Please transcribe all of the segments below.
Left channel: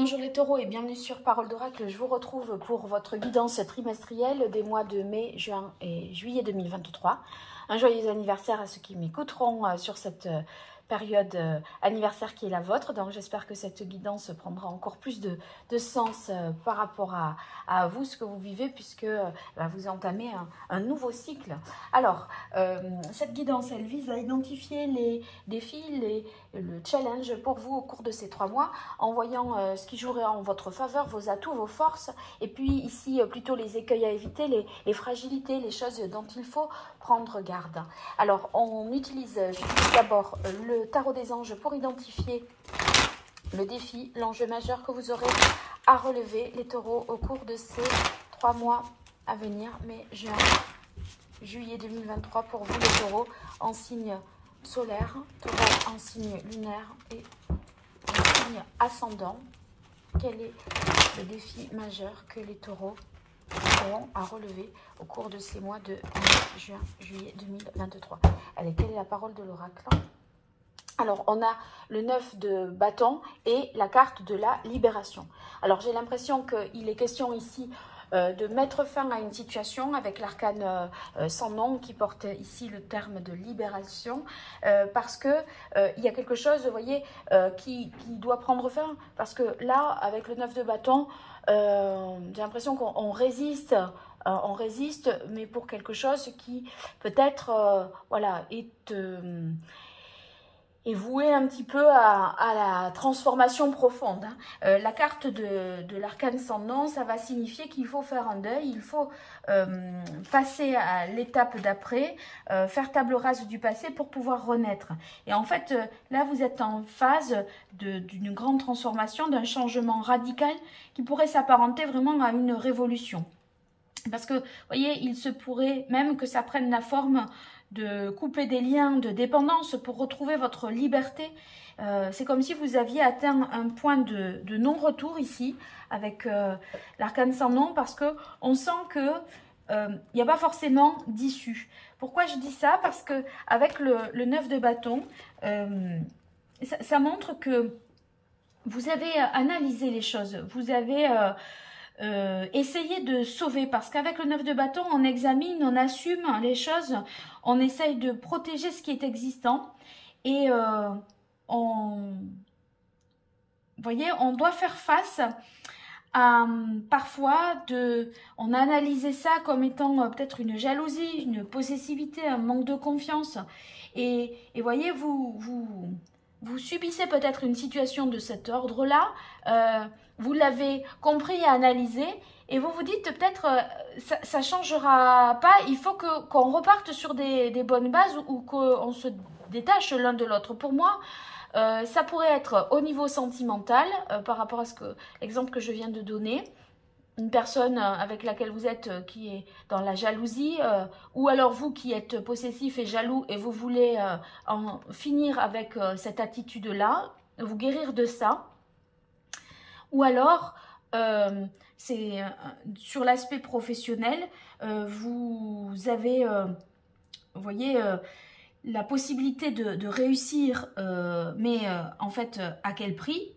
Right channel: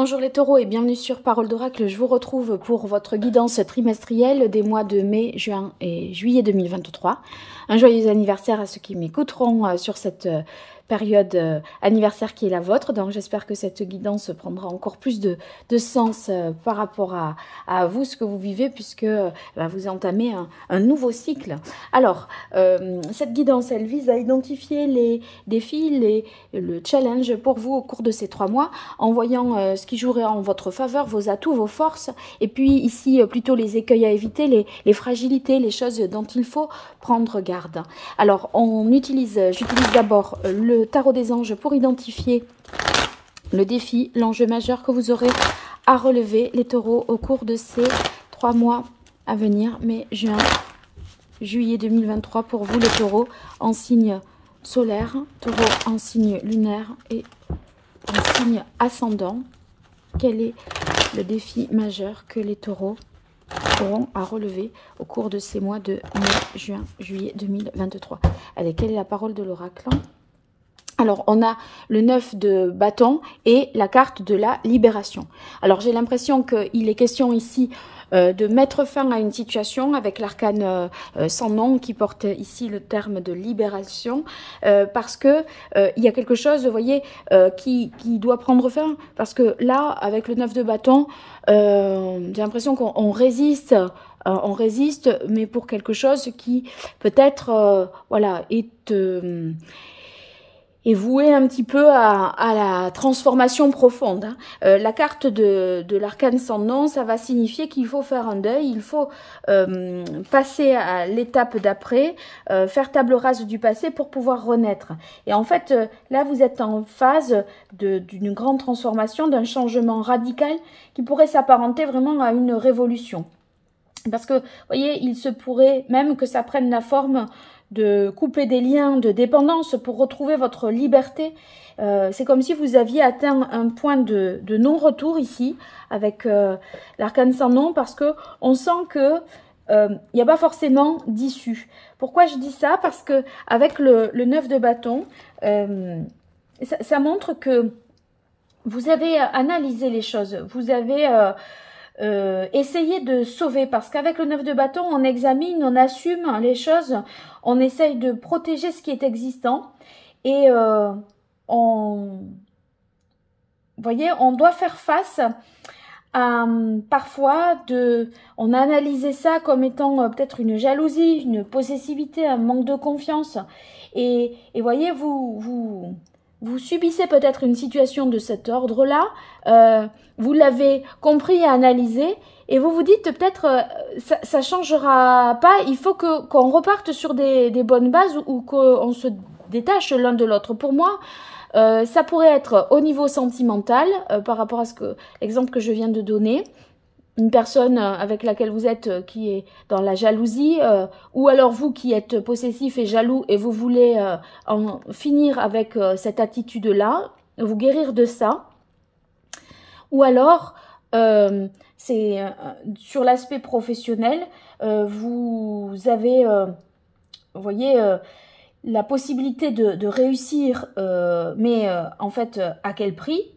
Bonjour les taureaux et bienvenue sur Parole d'Oracle. Je vous retrouve pour votre guidance trimestrielle des mois de mai, juin et juillet 2023. Un joyeux anniversaire à ceux qui m'écouteront sur cette période anniversaire qui est la vôtre. Donc j'espère que cette guidance prendra encore plus de sens par rapport à vous, ce que vous vivez, puisque vous entamez un nouveau cycle. Alors, cette guidance, elle vise à identifier les défis, le challenge pour vous au cours de ces 3 mois, en voyant ce qui jouerait en votre faveur, vos atouts, vos forces, et puis ici plutôt les écueils à éviter, les fragilités, les choses dont il faut prendre garde. Alors, j'utilise d'abord le tarot des anges pour identifier le défi, l'enjeu majeur que vous aurez à relever, les taureaux, au cours de ces 3 mois à venir, mai, juin, juillet 2023, pour vous les taureaux, en signe solaire, taureau en signe lunaire et en signe ascendant. Quel est le défi majeur que les taureaux auront à relever au cours de ces mois de mai, juin, juillet 2023? Allez, quelle est la parole de l'oracle? Alors, on a le 9 de bâton et la carte de la libération. Alors, j'ai l'impression qu'il est question ici de mettre fin à une situation avec l'arcane sans nom qui porte ici le terme de libération, parce que il y a quelque chose, vous voyez, qui doit prendre fin, parce que là, avec le 9 de bâton, j'ai l'impression qu'on résiste. On résiste, mais pour quelque chose qui peut-être voilà, est voué un petit peu à la transformation profonde. La carte de l'arcane sans nom, ça va signifier qu'il faut faire un deuil, il faut passer à l'étape d'après, faire table rase du passé pour pouvoir renaître. Et en fait, là, vous êtes en phase d'une grande transformation, d'un changement radical qui pourrait s'apparenter vraiment à une révolution. Parce que, vous voyez, il se pourrait même que ça prenne la forme de couper des liens de dépendance pour retrouver votre liberté. C'est comme si vous aviez atteint un point de non-retour ici, avec l'arcane sans nom, parce qu'on sent que il n'y a pas forcément d'issue. Pourquoi je dis ça? Parce que avec le 9 de bâton, ça montre que vous avez analysé les choses, vous avez essayé de sauver, parce qu'avec le 9 de bâton, on examine, on assume les choses, on essaye de protéger ce qui est existant, et vous voyez, on doit faire face à parfois on a analysé ça comme étant peut-être une jalousie, une possessivité, un manque de confiance, et voyez, vous subissez peut-être une situation de cet ordre-là, vous l'avez compris et analysé, et vous vous dites peut-être ça changera pas, il faut qu'on reparte sur des bonnes bases, ou qu'on se détache l'un de l'autre. Pour moi, ça pourrait être au niveau sentimental, par rapport à l'exemple que je viens de donner, une personne avec laquelle vous êtes qui est dans la jalousie, ou alors vous qui êtes possessif et jaloux et vous voulez en finir avec cette attitude-là, vous guérir de ça. Ou alors, c'est sur l'aspect professionnel, vous avez, vous voyez, la possibilité de réussir, mais en fait, à quel prix?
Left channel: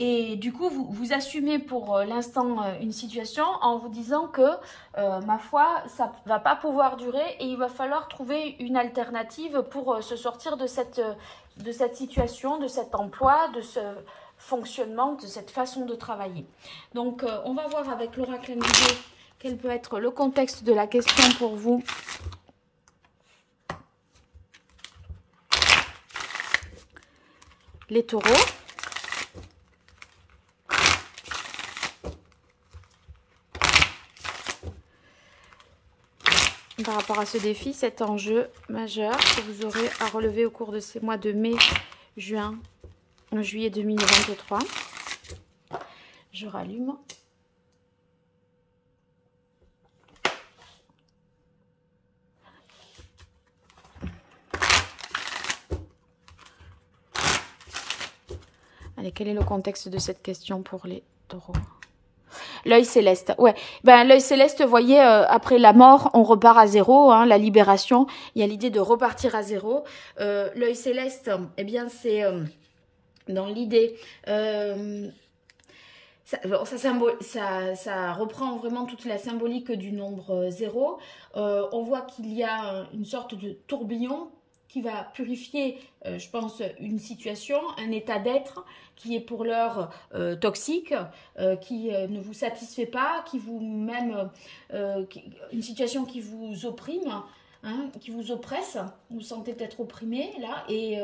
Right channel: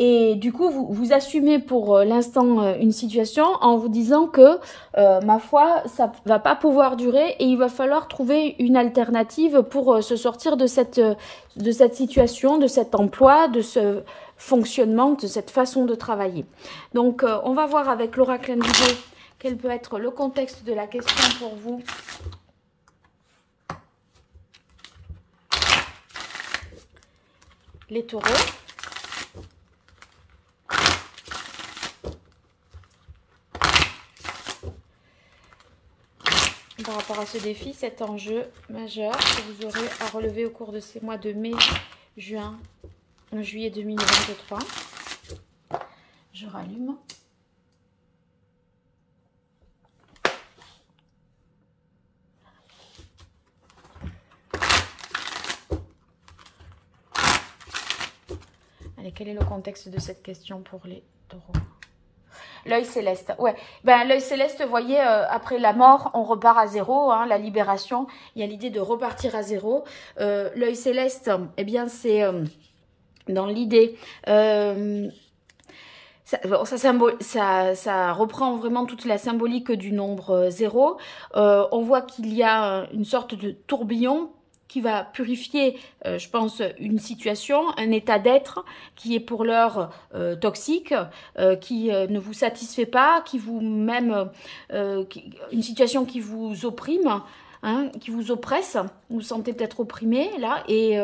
Et du coup, vous assumez pour l'instant une situation en vous disant que, ma foi, ça ne va pas pouvoir durer et il va falloir trouver une alternative pour se sortir de cette situation, de cet emploi, de ce fonctionnement, de cette façon de travailler. Donc, on va voir avec l'oracle indigo quel peut être le contexte de la question pour vous. Les taureaux. Par rapport à ce défi, cet enjeu majeur que vous aurez à relever au cours de ces mois de mai, juin, juillet 2023. Je rallume. Allez, quel est le contexte de cette question pour les taureaux? L'œil céleste, ouais. Ben, l'œil céleste, vous voyez, après la mort, on repart à zéro, hein, la libération. Il y a l'idée de repartir à zéro. L'œil céleste, eh bien, c'est dans l'idée Ça reprend vraiment toute la symbolique du nombre 0. On voit qu'il y a une sorte de tourbillon qui va purifier, je pense, une situation, un état d'être qui est pour l'heure toxique, qui ne vous satisfait pas, une situation qui vous opprime. Hein, qui vous oppresse, vous vous sentez peut-être opprimé là, et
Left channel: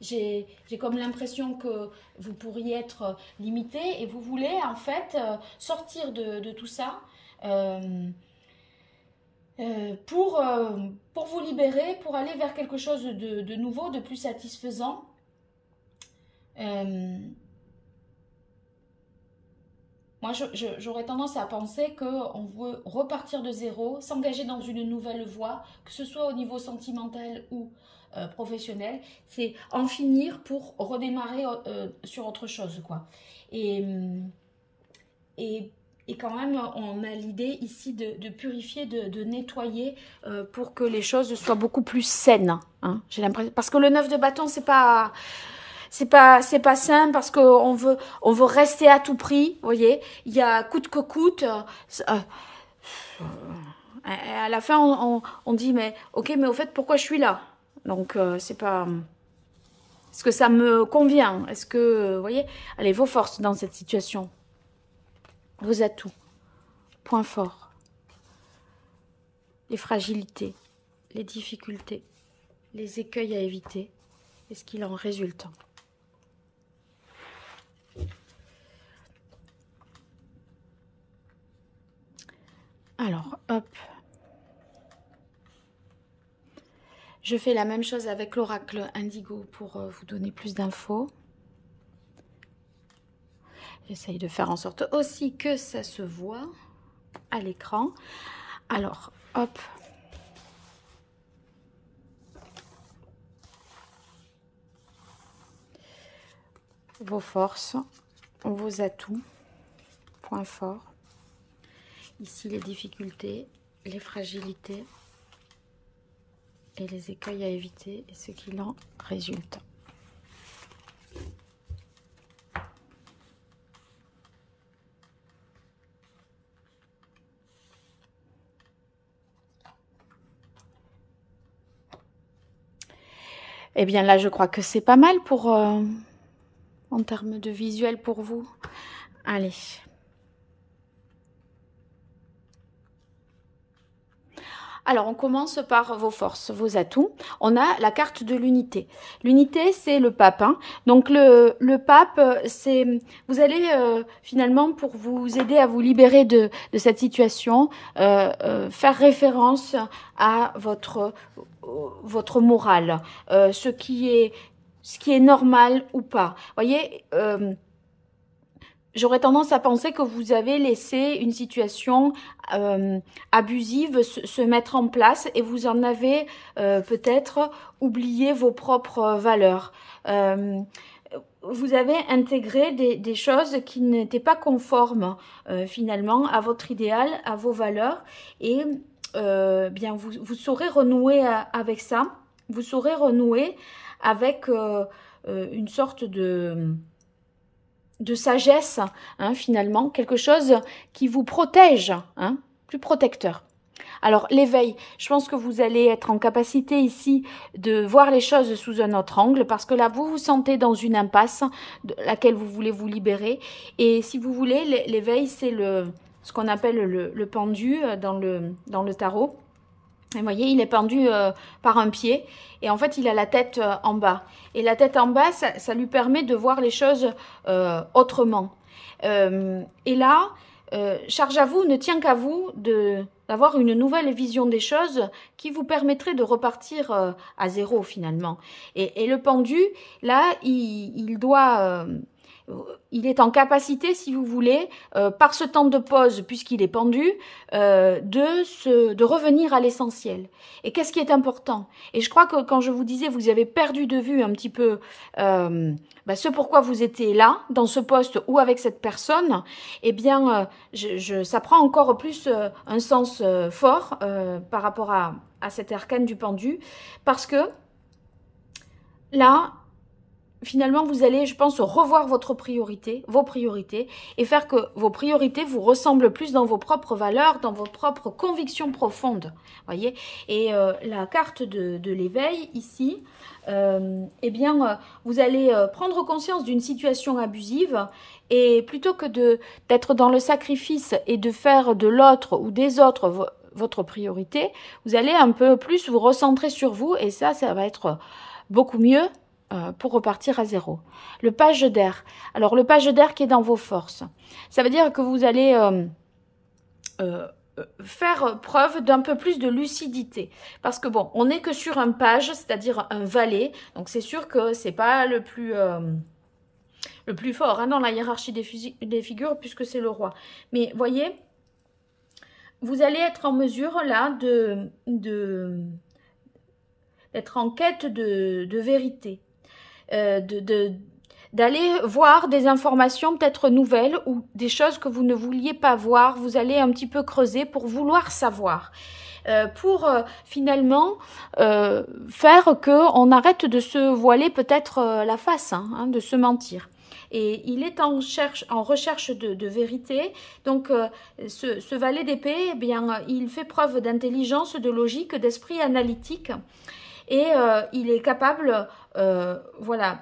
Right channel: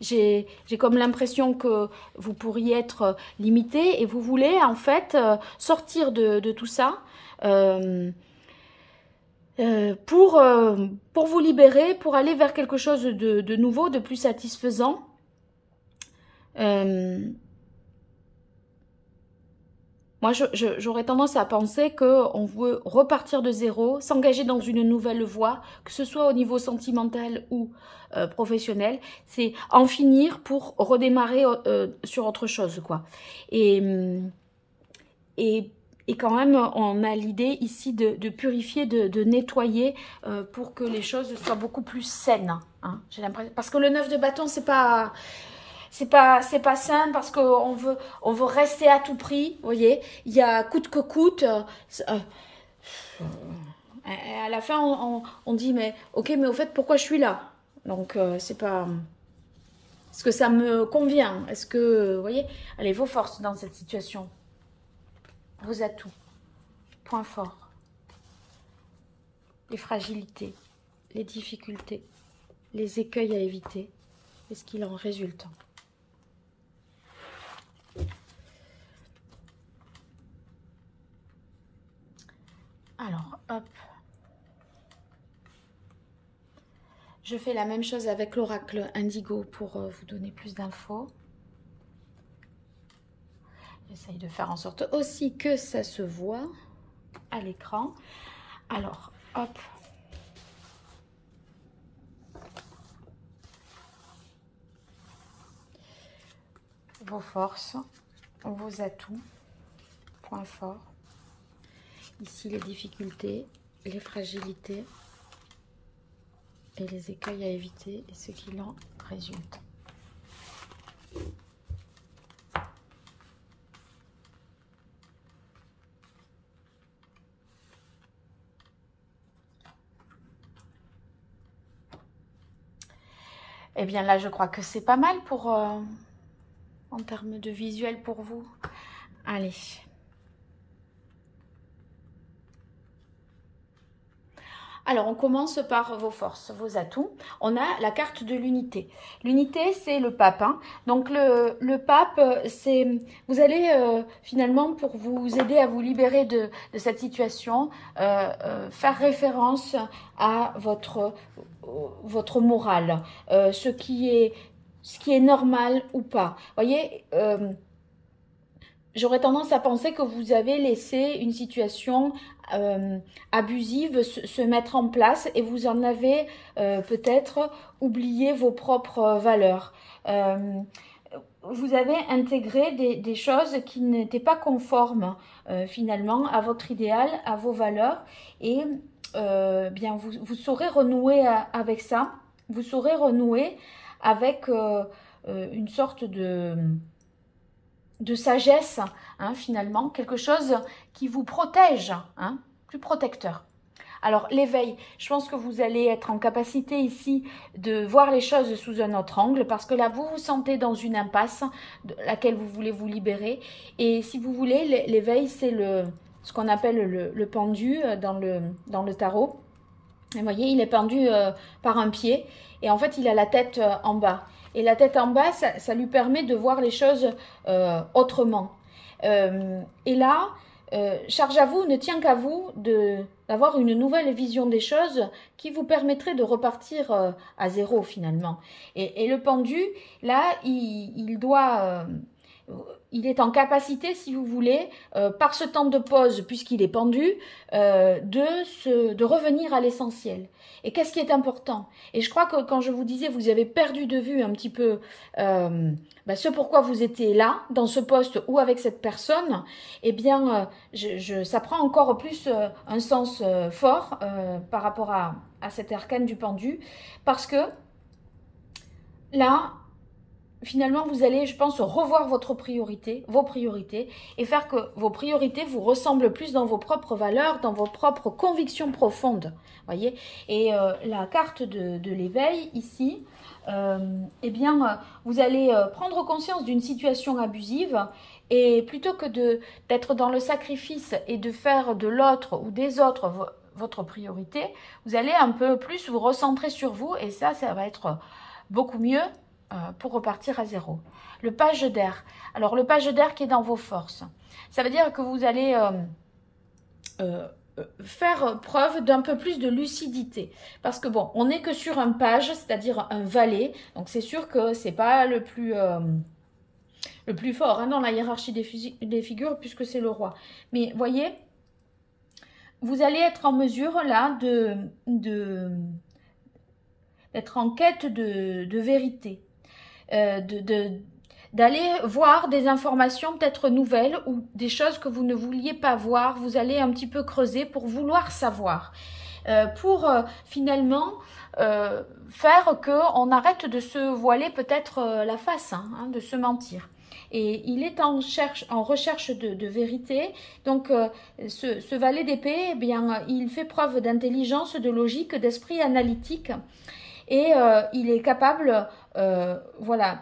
j'ai comme l'impression que vous pourriez être limité et vous voulez en fait sortir de tout ça pour vous libérer, pour aller vers quelque chose de nouveau, de plus satisfaisant. Moi, j'aurais tendance à penser qu'on veut repartir de zéro, s'engager dans une nouvelle voie, que ce soit au niveau sentimental ou professionnel. C'est en finir pour redémarrer sur autre chose, quoi. Et quand même, on a l'idée ici de purifier, de nettoyer pour que les choses soient beaucoup plus saines. Hein, j'ai l'impression, parce que le 9 de bâton, c'est pas sain, parce qu'on veut rester à tout prix, vous voyez. Il y a coûte que coûte. À la fin, on dit, mais ok, mais au fait, pourquoi je suis là? Donc, c'est pas... Est-ce que ça me convient? Est-ce que, vous voyez, allez, vos forces dans cette situation, vos atouts, points forts, les fragilités, les difficultés, les écueils à éviter, et ce qu'il en résulte. Alors, hop. Je fais la même chose avec l'oracle Indigo pour vous donner plus d'infos. J'essaye de faire en sorte aussi que ça se voit à l'écran. Alors, hop. Vos forces, vos atouts, points forts. Ici, les difficultés, les fragilités et les écueils à éviter et ce qu'il en résulte. Eh bien là, je crois que c'est pas mal pour en termes de visuel pour vous. Allez. Alors, on commence par vos forces, vos atouts. On a la carte de l'unité. L'unité, c'est le pape. Hein. Donc, le pape, c'est... Vous allez, finalement, pour vous aider à vous libérer de cette situation, faire référence à votre morale. Ce qui est normal ou pas. Vous voyez, j'aurais tendance à penser que vous avez laissé une situation abusive se mettre en place et vous en avez peut-être oublié vos propres valeurs. Vous avez intégré des choses qui n'étaient pas conformes finalement à votre idéal, à vos valeurs et bien vous saurez renouer avec ça, vous saurez renouer avec une sorte de sagesse, hein, finalement, quelque chose qui vous protège, hein, plus protecteur. Alors, l'éveil, je pense que vous allez être en capacité ici de voir les choses sous un autre angle, parce que là, vous vous sentez dans une impasse de laquelle vous voulez vous libérer. Et si vous voulez, l'éveil, c'est ce qu'on appelle le pendu dans le tarot. Et vous voyez, il est pendu par un pied, et en fait, il a la tête en bas. Et la tête en bas, ça lui permet de voir les choses autrement. Et là, charge à vous, ne tient qu'à vous d'avoir une nouvelle vision des choses qui vous permettrait de repartir à zéro finalement. Et le pendu, là, il est en capacité, si vous voulez, par ce temps de pause, puisqu'il est pendu, de revenir à l'essentiel. Et qu'est-ce qui est important? Et je crois que quand je vous disais, vous avez perdu de vue un petit peu ce pourquoi vous étiez là, dans ce poste ou avec cette personne, eh bien, ça prend encore plus un sens fort par rapport à cet arcane du pendu, parce que là, finalement, vous allez, je pense, revoir vos priorités, et faire que vos priorités vous ressemblent plus dans vos propres valeurs, dans vos propres convictions profondes. Voyez. Et la carte de l'éveil, ici, eh bien, vous allez prendre conscience d'une situation abusive, et plutôt que d'être dans le sacrifice et de faire de l'autre ou des autres votre priorité, vous allez un peu plus vous recentrer sur vous, et ça va être beaucoup mieux pour repartir à zéro. Le page d'air. Alors, le page d'air qui est dans vos forces. Ça veut dire que vous allez faire preuve d'un peu plus de lucidité. Parce que bon, on n'est que sur un page, c'est-à-dire un valet. Donc, c'est sûr que c'est pas le plus fort hein, dans la hiérarchie des figures, puisque c'est le roi. Mais voyez, vous allez être en mesure là d'être en quête de vérité. D'aller voir des informations peut-être nouvelles ou des choses que vous ne vouliez pas voir. Vous allez un petit peu creuser pour vouloir savoir. Pour finalement faire qu'on arrête de se voiler peut-être la face, hein, de se mentir. Et il est en recherche de vérité. Donc, ce valet d'épée, eh bien, il fait preuve d'intelligence, de logique, d'esprit analytique. Et il est capable, voilà,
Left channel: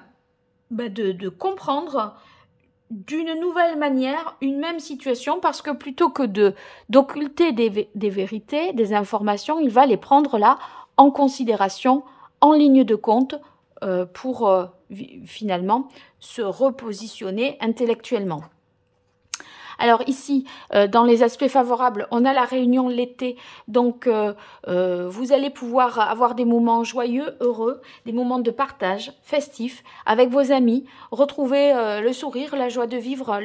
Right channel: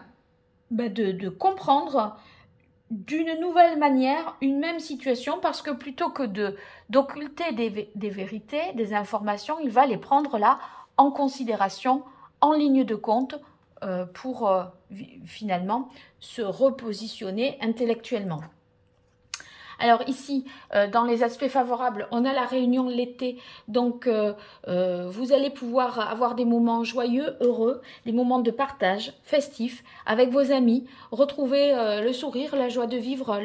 de comprendre d'une nouvelle manière une même situation, parce que plutôt que d'occulter des vérités, des informations, il va les prendre là en considération, en ligne de compte, pour finalement se repositionner intellectuellement. Alors ici, dans les aspects favorables, on a la réunion l'été, donc vous allez pouvoir avoir des moments joyeux, heureux, des moments de partage, festifs, avec vos amis, retrouver le sourire, la joie de vivre,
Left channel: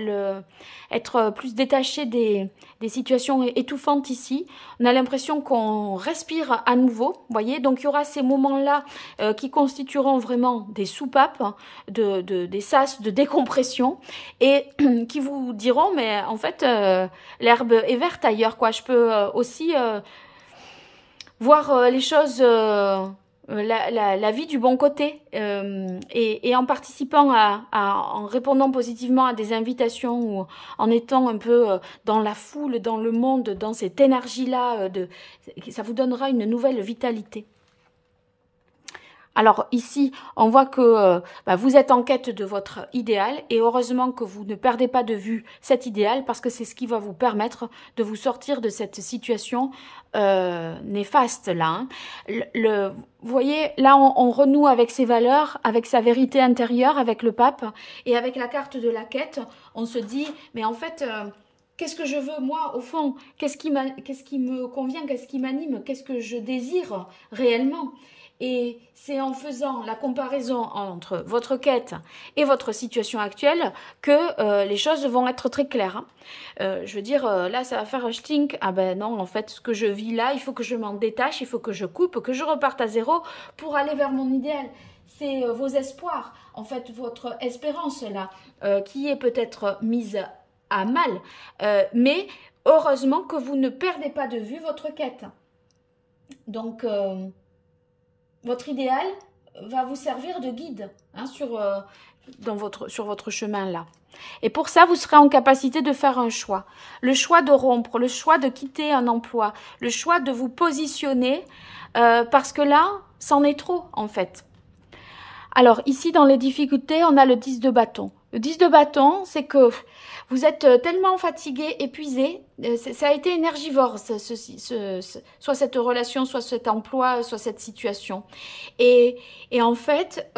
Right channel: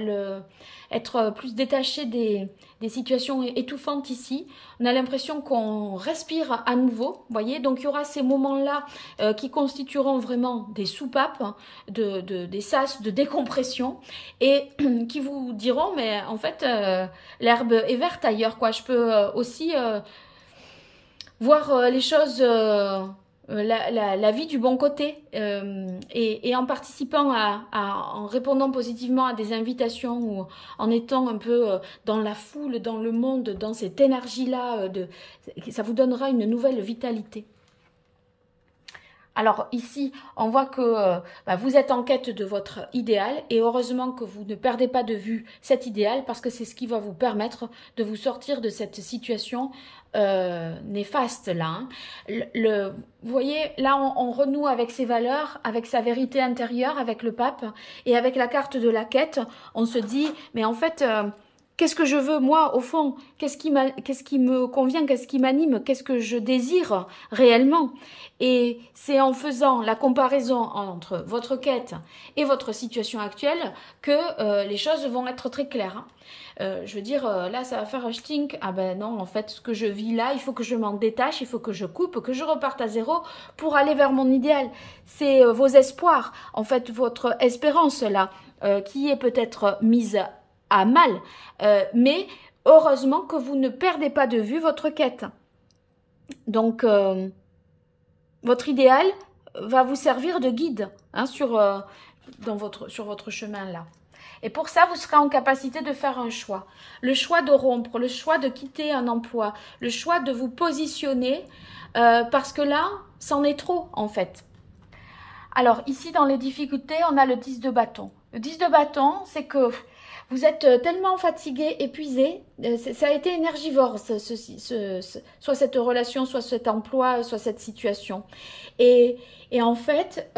être plus détaché des situations étouffantes ici. On a l'impression qu'on respire à nouveau, voyez. Donc, il y aura ces moments-là qui constitueront vraiment des soupapes, des sas de décompression et qui vous diront, mais en fait, l'herbe est verte ailleurs, quoi. Je peux aussi voir les choses... la vie du bon côté et en participant en répondant positivement à des invitations ou en étant un peu dans la foule, dans le monde, dans cette énergie-là, ça vous donnera une nouvelle vitalité. Alors ici, on voit que vous êtes en quête de votre idéal et heureusement que vous ne perdez pas de vue cet idéal parce que c'est ce qui va vous permettre de vous sortir de cette situation néfaste là. Vous voyez, là on renoue avec ses valeurs, avec sa vérité intérieure, avec le pape et avec la carte de la quête. On se dit, mais en fait... qu'est-ce que je veux, moi, au fond? Qu'est-ce qui me convient? Qu'est-ce qui m'anime? Qu'est-ce que je désire réellement? Et c'est en faisant la comparaison entre votre quête et votre situation actuelle que les choses vont être très claires. Je veux dire, là, ça va faire un stink. Ah ben non, en fait, ce que je vis là, il faut que je m'en détache, il faut que je coupe, que je reparte à zéro pour aller vers mon idéal. C'est vos espoirs, en fait, votre espérance là, qui est peut-être mise à mal, mais heureusement que vous ne perdez pas de vue votre quête. Donc, votre idéal va vous servir de guide hein, sur votre chemin là. Et pour ça, vous serez en capacité de faire un choix. Le choix de rompre, le choix de quitter un emploi, le choix de vous positionner, parce que là, c'en est trop en fait. Alors ici, dans les difficultés, on a le 10 de bâton. Le 10 de bâton, c'est que vous êtes tellement fatigué, épuisé, ça a été énergivore, soit cette relation, soit cet emploi, soit cette situation. Et en fait,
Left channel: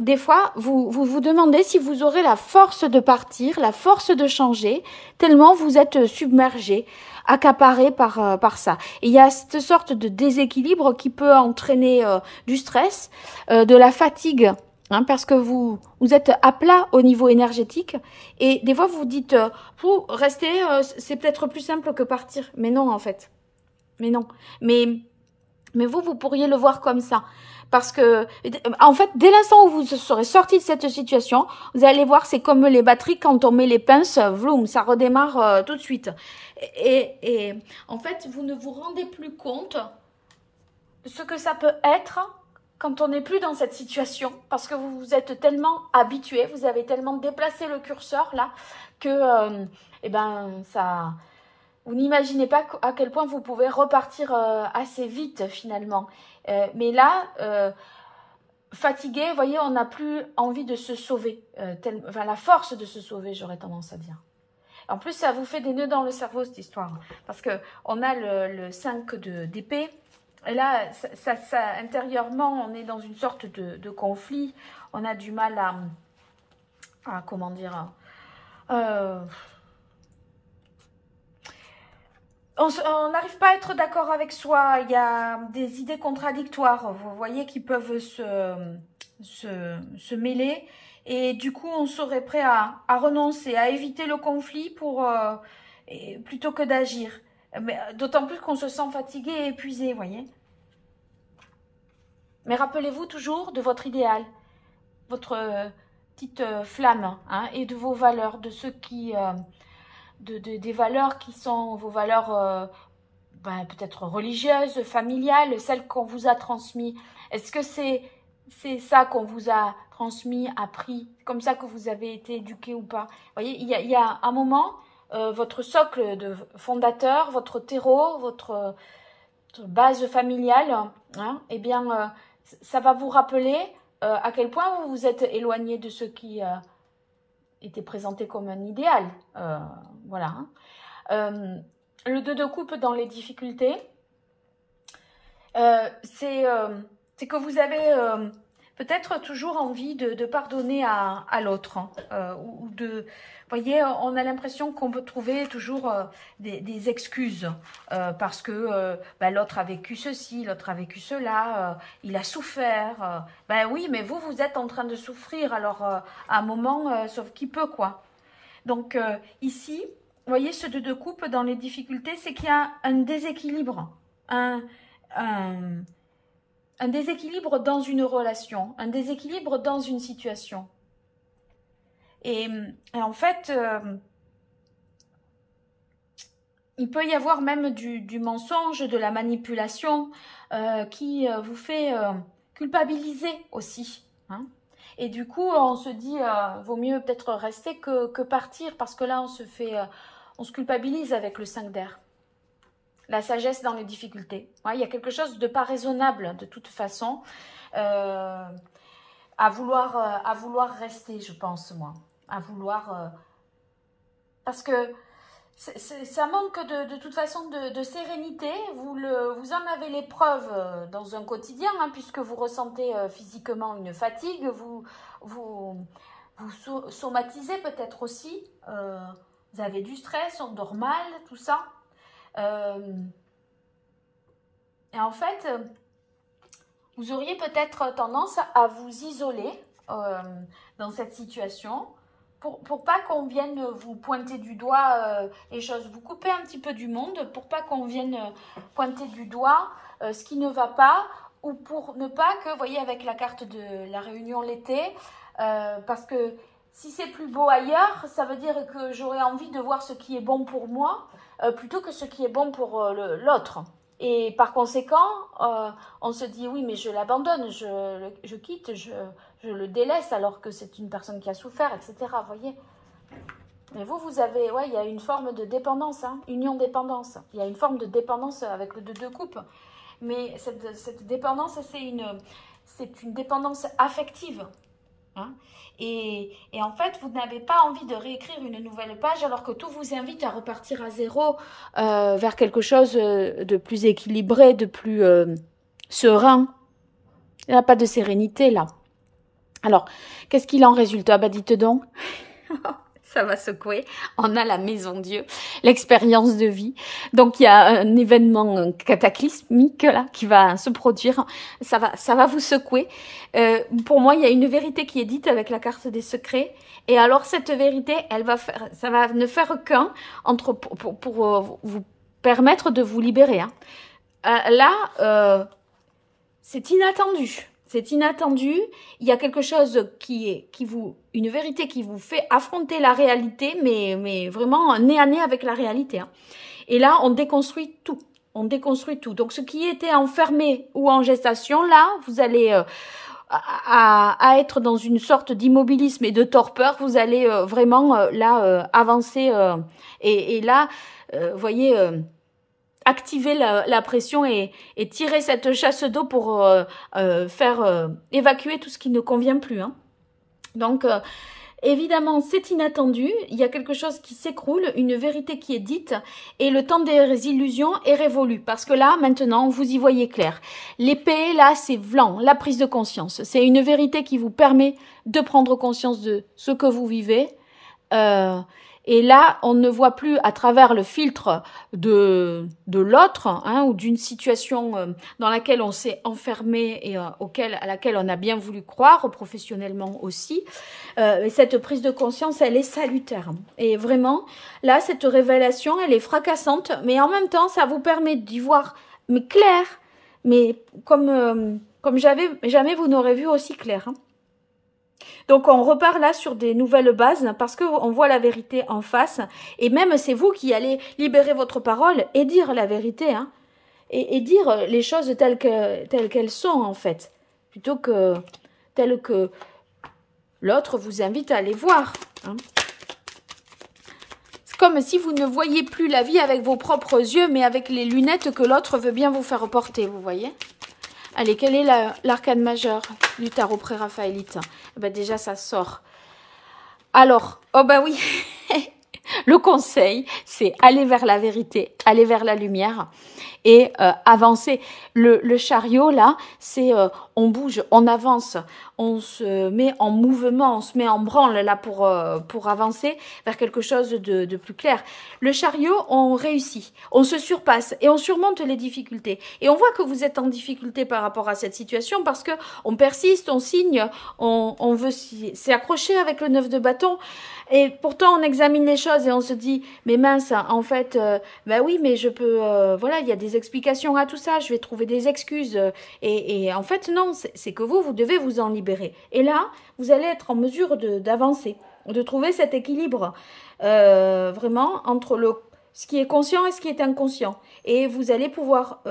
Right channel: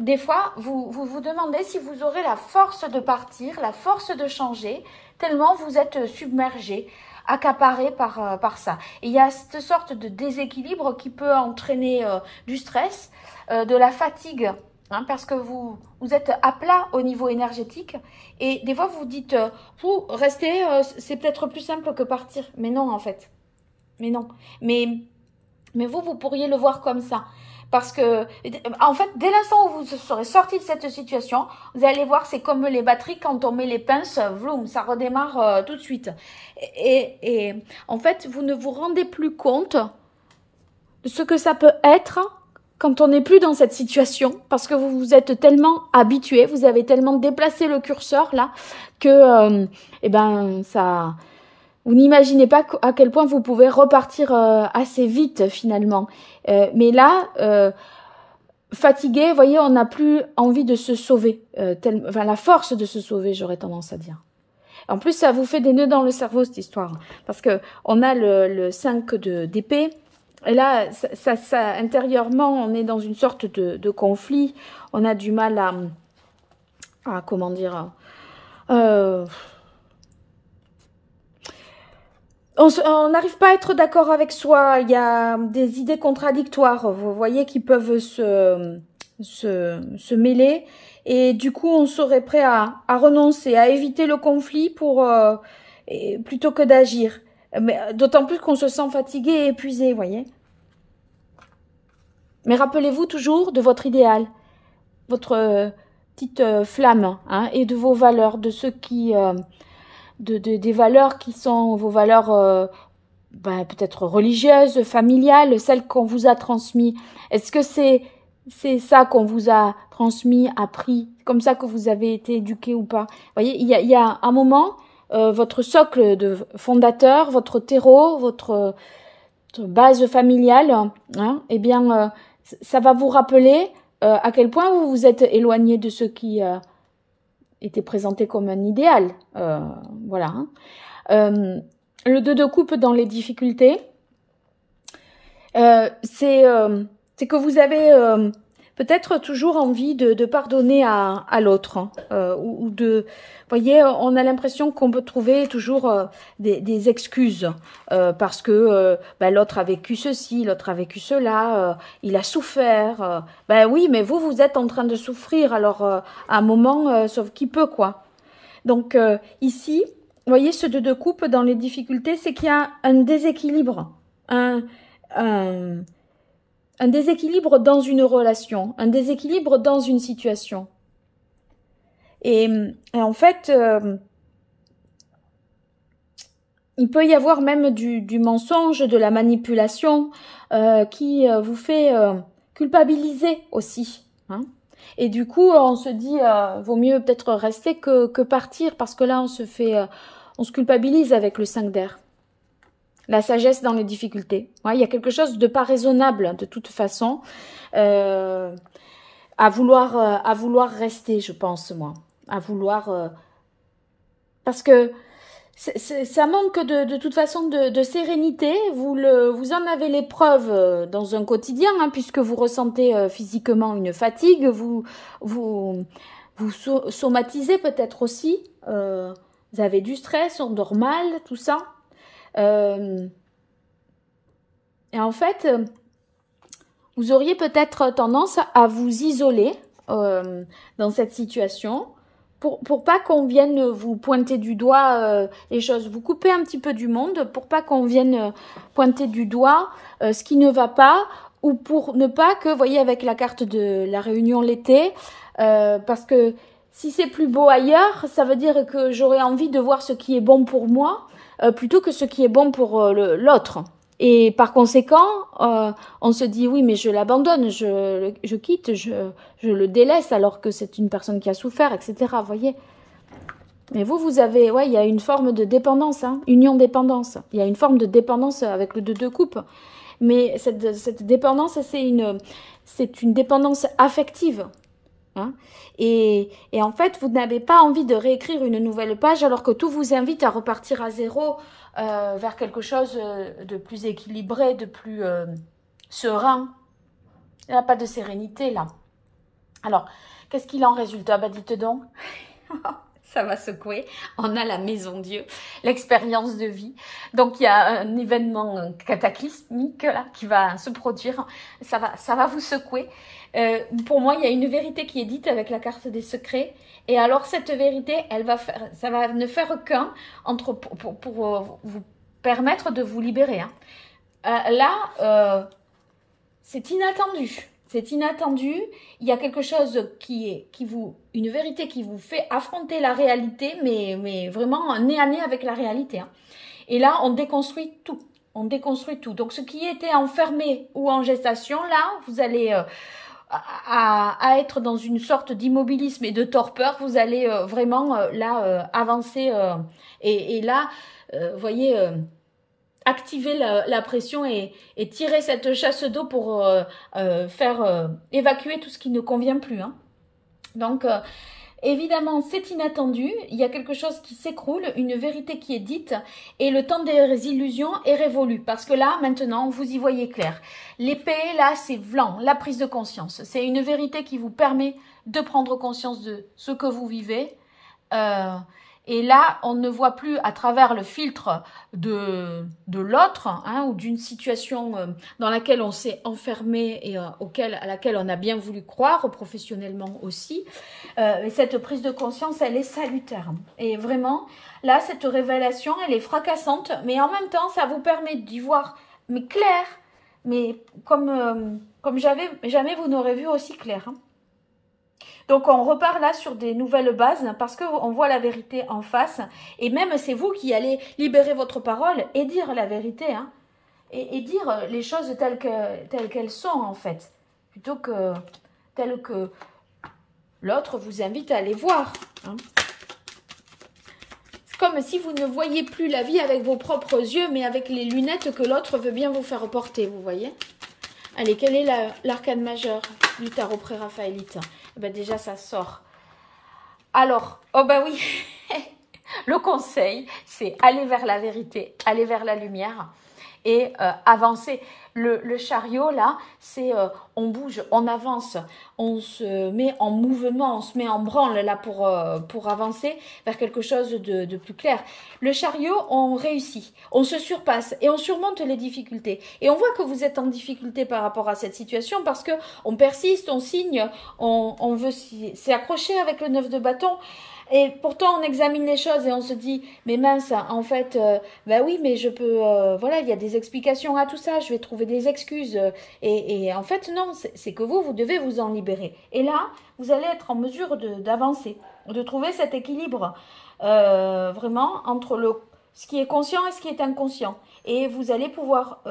des fois, vous demandez si vous aurez la force de partir, la force de changer, tellement vous êtes submergé, accaparé par ça. Et il y a cette sorte de déséquilibre qui peut entraîner du stress, de la fatigue, hein, parce que vous êtes à plat au niveau énergétique et des fois vous vous dites, vous restez, c'est peut-être plus simple que partir. Mais non en fait, mais non. Mais vous pourriez le voir comme ça. Parce que, en fait, dès l'instant où vous serez sorti de cette situation, vous allez voir, c'est comme les batteries, quand on met les pinces, vroom, ça redémarre tout de suite. Et en fait, vous ne vous rendez plus compte de ce que ça peut être quand on n'est plus dans cette situation, parce que vous vous êtes tellement habitué, vous avez tellement déplacé le curseur là, que eh ben, ça, vous n'imaginez pas à quel point vous pouvez repartir assez vite finalement. Mais là, fatigué, vous voyez, on n'a plus envie de se sauver, enfin la force de se sauver, j'aurais tendance à dire. En plus, ça vous fait des nœuds dans le cerveau, cette histoire. Parce que on a le 5 d'épée. Et là, intérieurement, on est dans une sorte de conflit. On a du mal à comment dire... on n'arrive pas à être d'accord avec soi. Il y a des idées contradictoires, vous voyez, qui peuvent se mêler. Et du coup, on serait prêt à renoncer, à éviter le conflit plutôt que d'agir. D'autant plus qu'on se sent fatigué et épuisé, vous voyez. Mais rappelez-vous toujours de votre idéal, votre petite flamme, hein, et de vos valeurs, de ce qui... des valeurs qui sont vos valeurs peut-être religieuses, familiales, celles qu'on vous a transmises. Est-ce que c'est ça qu'on vous a transmis, appris, comme ça que vous avez été éduqué ou pas? Vous voyez, il y a un moment, votre socle de fondateur, votre terreau, votre base familiale, hein, eh bien, ça va vous rappeler à quel point vous vous êtes éloigné de ce qui était présenté comme un idéal. Voilà. Le 2 de coupe dans les difficultés, c'est que vous avez peut-être toujours envie de pardonner à l'autre, hein, ou de... Vous voyez, on a l'impression qu'on peut trouver toujours des excuses parce que l'autre a vécu ceci, l'autre a vécu cela, il a souffert. Oui, mais vous êtes en train de souffrir, alors à un moment, sauf qui peut, quoi. Donc ici, vous voyez, ce 2 de coupe dans les difficultés, c'est qu'il y a un déséquilibre, un déséquilibre dans une relation, un déséquilibre dans une situation. Et en fait, il peut y avoir même du mensonge, de la manipulation qui vous fait culpabiliser aussi, hein. Et du coup, on se dit, vaut mieux peut-être rester que partir, parce que là, on se culpabilise avec le 5 d'air. La sagesse dans les difficultés. Ouais, il y a quelque chose de pas raisonnable, de toute façon, à vouloir rester, je pense, moi. À vouloir... parce que ça manque de toute façon de sérénité. Vous en avez les preuves dans un quotidien, hein, puisque vous ressentez physiquement une fatigue, vous somatisez peut-être aussi, vous avez du stress, on dort mal, tout ça. Et en fait, vous auriez peut-être tendance à vous isoler dans cette situation pour pas qu'on vienne vous pointer du doigt les choses. Vous coupez un petit peu du monde pour pas qu'on vienne pointer du doigt ce qui ne va pas, ou pour ne pas que, vous voyez, avec la carte de la réunion l'été, parce que si c'est plus beau ailleurs, ça veut dire que j'aurais envie de voir ce qui est bon pour moi plutôt que ce qui est bon pour l'autre. Et par conséquent, on se dit oui, mais je l'abandonne, je quitte, je le délaisse alors que c'est une personne qui a souffert, etc. Vous voyez. Mais vous avez, ouais, il y a une forme de dépendance, hein, union-dépendance. Il y a une forme de dépendance avec le 2 de coupe. Mais cette dépendance, c'est une dépendance affective. Hein. Et en fait, vous n'avez pas envie de réécrire une nouvelle page alors que tout vous invite à repartir à zéro vers quelque chose de plus équilibré, de plus serein. Il n'y a pas de sérénité là. Alors, qu'est-ce qu'il en résulte? Ah bah dites donc, ça va secouer. On a la maison Dieu, l'expérience de vie. Donc il y a un événement cataclysmique là qui va se produire. Ça va vous secouer. Pour moi, il y a une vérité qui est dite avec la carte des secrets. Et alors cette vérité, ça va ne faire qu'un pour vous permettre de vous libérer. Hein. C'est inattendu. C'est inattendu, il y a quelque chose une vérité qui vous fait affronter la réalité, mais vraiment nez à nez avec la réalité. Hein. Et là, on déconstruit tout. on déconstruit tout. Donc, ce qui était enfermé ou en gestation, là, vous allez à être dans une sorte d'immobilisme et de torpeur. Vous allez vraiment, là, avancer. Et là, vous voyez, activer la pression et tirer cette chasse d'eau pour faire évacuer tout ce qui ne convient plus. Hein. Donc, évidemment, c'est inattendu, il y a quelque chose qui s'écroule, une vérité qui est dite et le temps des illusions est révolu parce que là, maintenant, vous y voyez clair. L'épée, là, c'est blanc, la prise de conscience. C'est une vérité qui vous permet de prendre conscience de ce que vous vivez. Et là, on ne voit plus à travers le filtre de l'autre hein, ou d'une situation dans laquelle on s'est enfermé et à laquelle on a bien voulu croire, professionnellement aussi. Et cette prise de conscience, elle est salutaire. Et vraiment, là, cette révélation, elle est fracassante, mais en même temps, ça vous permet d'y voir mais clair, mais comme jamais vous n'aurez vu aussi clair. Hein. Donc, on repart là sur des nouvelles bases parce qu'on voit la vérité en face. Et même, c'est vous qui allez libérer votre parole et dire la vérité. Hein, et dire les choses telles qu'elles sont, en fait. Plutôt que telles que l'autre vous invite à les voir. Hein. C'est comme si vous ne voyez plus la vie avec vos propres yeux, mais avec les lunettes que l'autre veut bien vous faire porter, vous voyez. Allez, quel est l'arcane majeur du tarot pré-raphaélite? Ben déjà, ça sort. Alors, oh ben oui, le conseil, c'est aller vers la vérité, aller vers la lumière et avancer. Le chariot, là, c'est on bouge, on avance, on se met en mouvement, on se met en branle là pour avancer vers quelque chose de plus clair. Le chariot, on réussit, on se surpasse et on surmonte les difficultés. Et on voit que vous êtes en difficulté par rapport à cette situation parce que on persiste, on signe, on veut s'y accrocher avec le 9 de bâton. Et pourtant, on examine les choses et on se dit, mais mince, en fait, bah oui, mais je peux, voilà, il y a des explications à tout ça, je vais trouver des excuses. Et en fait, non, c'est que vous devez vous en libérer. Et là, vous allez être en mesure d'avancer, de trouver cet équilibre, vraiment, entre ce qui est conscient et ce qui est inconscient. Et vous allez pouvoir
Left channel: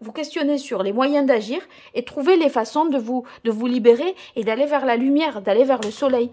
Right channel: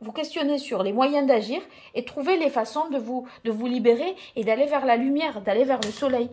vous questionner sur les moyens d'agir et trouver les façons de vous libérer et d'aller vers la lumière, d'aller vers le soleil.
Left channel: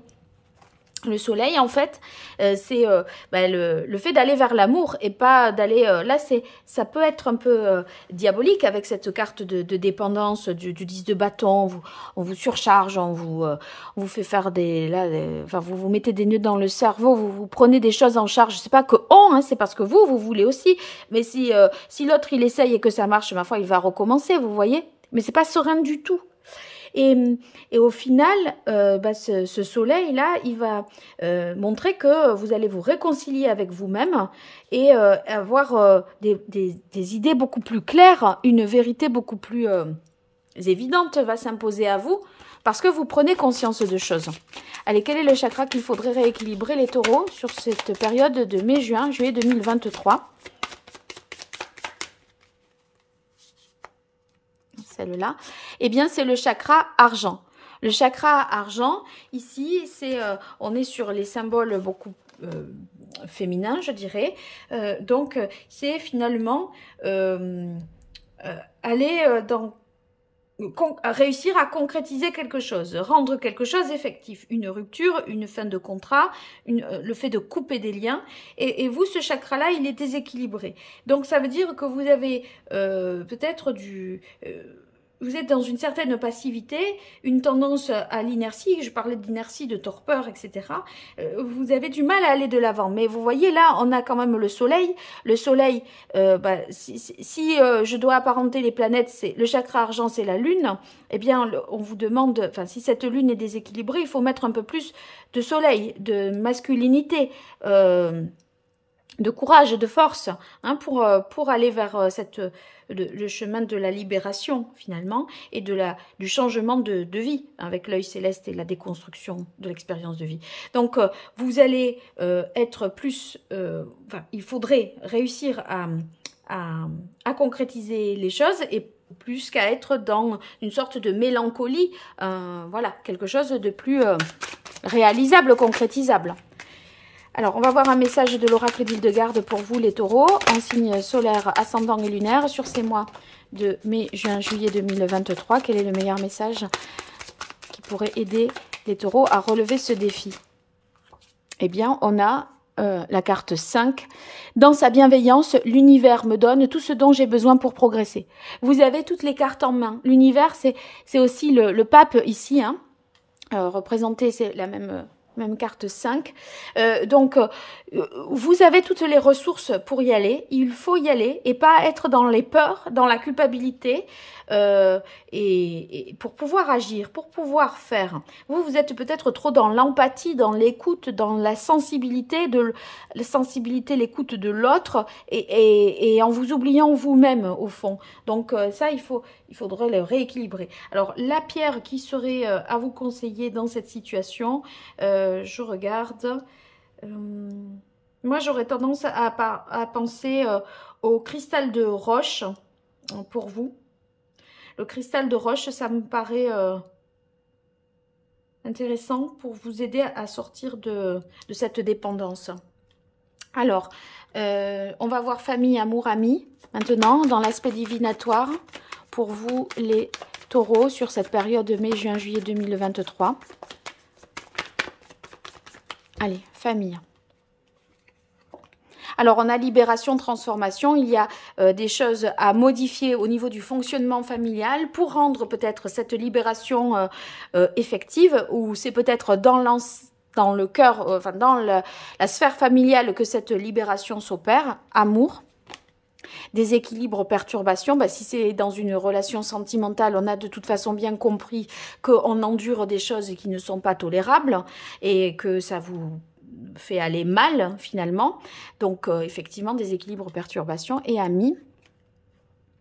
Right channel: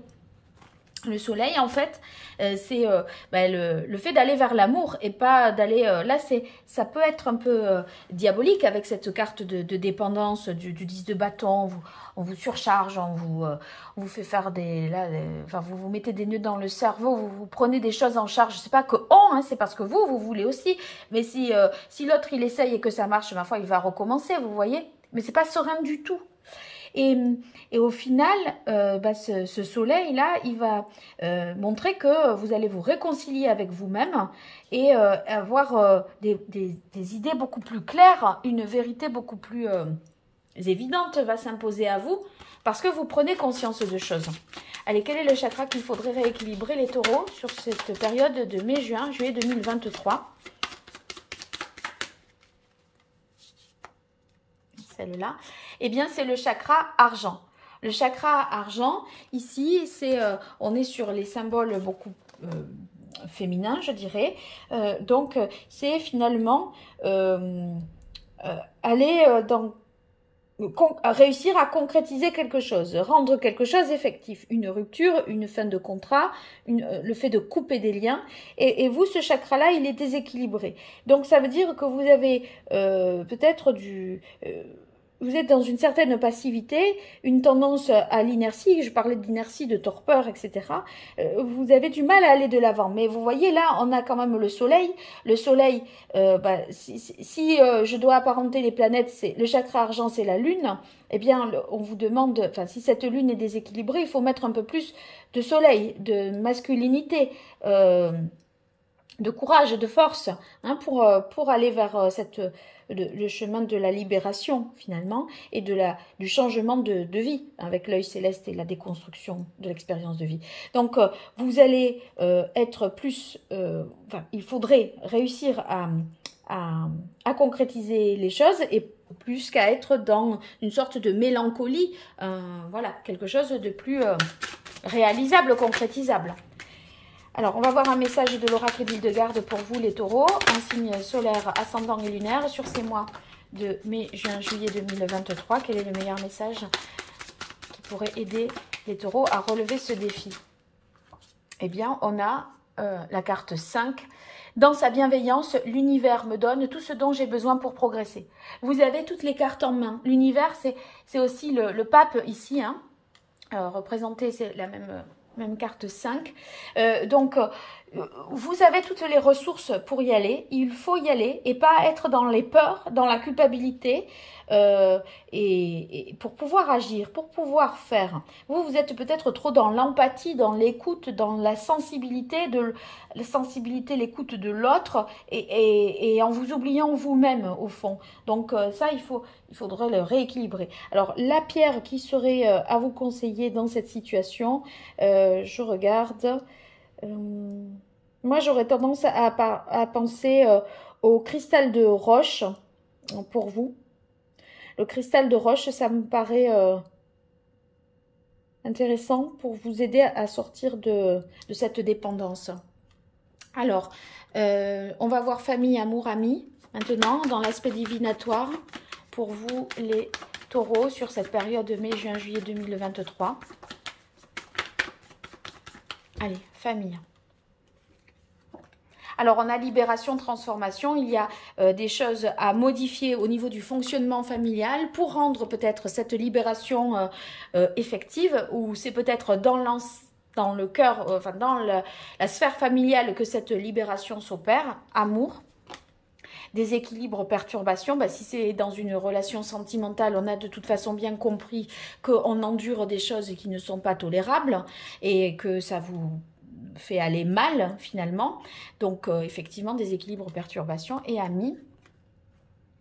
Le soleil, en fait, c'est le fait d'aller vers l'amour et pas d'aller... là, ça peut être un peu diabolique avec cette carte de dépendance du 10 de bâton. On vous surcharge, on vous fait faire enfin, vous vous mettez des nœuds dans le cerveau, vous prenez des choses en charge. C'est pas que hein, c'est parce que vous voulez aussi. Mais si l'autre, il essaye et que ça marche, ma foi, il va recommencer, vous voyez. Mais c'est pas serein du tout. Et au final, ce soleil-là, il va montrer que vous allez vous réconcilier avec vous-même et avoir des idées beaucoup plus claires, une vérité beaucoup plus évidente va s'imposer à vous parce que vous prenez conscience de choses. Allez, quel est le chakra qu'il faudrait rééquilibrer les taureaux sur cette période de mai-juin, juillet 2023 ? Celle-là, eh bien, c'est le chakra argent. Le chakra argent, ici, on est sur les symboles beaucoup féminins, je dirais. Donc, c'est finalement aller réussir à concrétiser quelque chose, rendre quelque chose effectif, une rupture, une fin de contrat, le fait de couper des liens. Et vous, ce chakra-là, il est déséquilibré. Donc, ça veut dire que vous avez peut-être vous êtes dans une certaine passivité, une tendance à l'inertie, je parlais d'inertie, de torpeur, etc. Vous avez du mal à aller de l'avant. Mais vous voyez, là, on a quand même le soleil. Le soleil, si je dois apparenter les planètes, le chakra argent, c'est la lune. Eh bien, on vous demande, enfin, si cette lune est déséquilibrée, il faut mettre un peu plus de soleil, de masculinité, de courage, de force, hein, pour aller vers le chemin de la libération finalement et du changement de vie avec l'œil céleste et la déconstruction de l'expérience de vie. Donc vous allez être plus, il faudrait réussir à concrétiser les choses et plus qu'à être dans une sorte de mélancolie, voilà, quelque chose de plus réalisable, concrétisable. Alors, on va voir un message de l'oracle d'Hildegarde pour vous, les taureaux, en signe solaire, ascendant et lunaire, sur ces mois de mai, juin, juillet 2023. Quel est le meilleur message qui pourrait aider les taureaux à relever ce défi? Eh bien, on a la carte 5. Dans sa bienveillance, l'univers me donne tout ce dont j'ai besoin pour progresser. Vous avez toutes les cartes en main. L'univers, c'est aussi le pape ici, hein, représenté, c'est la même carte 5. Donc, vous avez toutes les ressources pour y aller. Il faut y aller et pas être dans les peurs, dans la culpabilité, et pour pouvoir agir, pour pouvoir faire. Vous êtes peut-être trop dans l'empathie, dans l'écoute, dans la sensibilité, l'écoute de l'autre, et en vous oubliant vous-même au fond. Donc ça, il faudrait le rééquilibrer. Alors la pierre qui serait à vous conseiller dans cette situation, je regarde. Moi, j'aurais tendance à penser au cristal de roche pour vous. Le cristal de roche, ça me paraît intéressant pour vous aider à sortir de cette dépendance. Alors, on va voir famille, amour, amis, maintenant, dans l'aspect divinatoire, pour vous, les taureaux, sur cette période mai, juin, juillet 2023. Allez, famille. Alors, on a libération, transformation. Il y a des choses à modifier au niveau du fonctionnement familial pour rendre peut-être cette libération effective, ou c'est peut-être dans le cœur, enfin dans la sphère familiale que cette libération s'opère. Amour. Déséquilibre, perturbation, ben, si c'est dans une relation sentimentale, on a de toute façon bien compris qu'on endure des choses qui ne sont pas tolérables et que ça vous fait aller mal finalement. Donc effectivement, déséquilibre, perturbation. Et amis,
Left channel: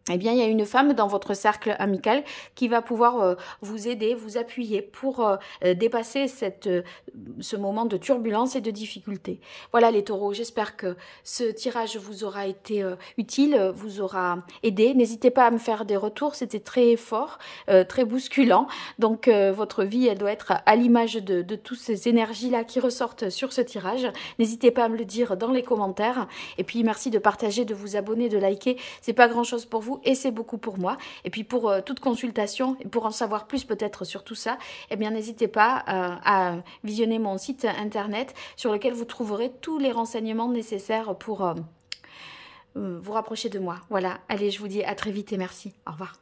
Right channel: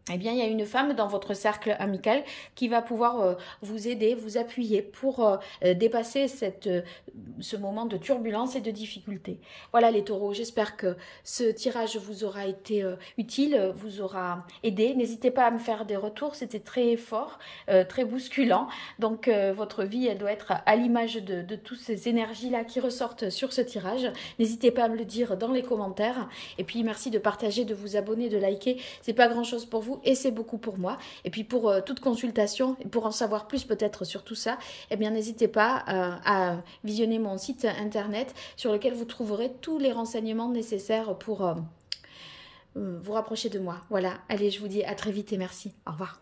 eh bien, il y a une femme dans votre cercle amical qui va pouvoir vous aider, vous appuyer pour dépasser ce moment de turbulence et de difficulté. Voilà les taureaux, j'espère que ce tirage vous aura été utile, vous aura aidé. N'hésitez pas à me faire des retours, c'était très fort, très bousculant. Donc, votre vie, elle doit être à l'image de toutes ces énergies-là qui ressortent sur ce tirage. N'hésitez pas à me le dire dans les commentaires. Et puis, merci de partager, de vous abonner, de liker. C'est pas grand-chose pour vous et c'est beaucoup pour moi. Et puis pour toute consultation et pour en savoir plus peut-être sur tout ça, eh bien n'hésitez pas à visionner mon site internet sur lequel vous trouverez tous les renseignements nécessaires pour vous rapprocher de moi. Voilà, allez, je vous dis à très vite et merci. Au revoir.